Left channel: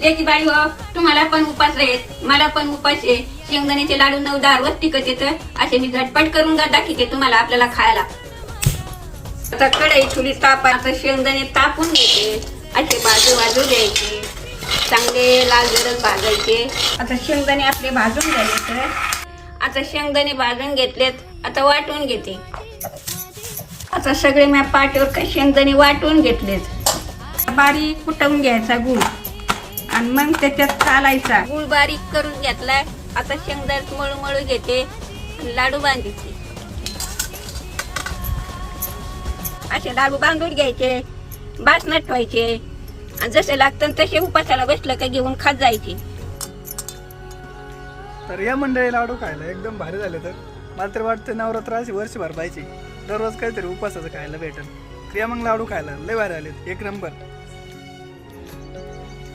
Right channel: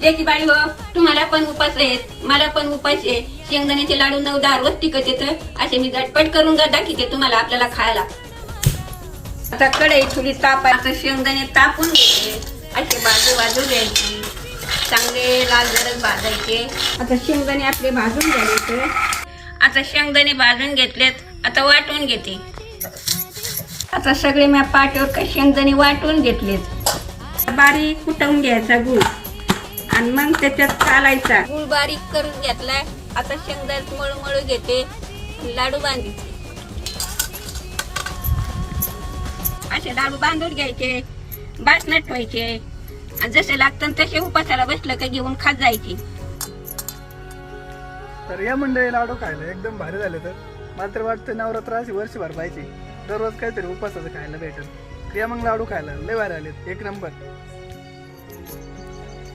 लेकी बाई हो, तुम्हाला पण उपास आहेत, मला पण उपास आहे. शेंगदाण्याचे लाडू 9-10 रोज टिकत येतं. असे मी झटपट करून दाखवते तुम्हाला आपल्याला खायला. आता कढई थोडी आता शेंगदाणे तापून घेते. असे बाजू घ्यायचे, चांगले लाल गरज भाजायचे. आता शेंगदाणे आपले भाजून घ्यायचे. आता शेंगदाणे भाजून घेतलेत, आता वाटून घेते. आता सगळे मी पाट्यावर शेंगदाणे वाटून घेतलेत. बारीक कुटवून घ्यायचा गूळ आणि मग त्याच्यात चालायचा. गूळ बारीक करून घेतलाय. आता शेंगदाणे मळू घेते, लाडू बांधायचे. असे लाडू बांधून घ्यायचे, बासनात ठेवायचे आणि जसे लागतं तसे उपासाला बसलं का घेऊन खात जायचे. तर या मंडळी लाडू खायला एकदम भारी झाले. तर मला तर वाटतं नवरात्र अशी वर्षभर पाहिजे, दररोज काहीतरी उपासाचं खायला भेटेल. या मग लाडू खायला लय भारी आलेत, एक नंबर.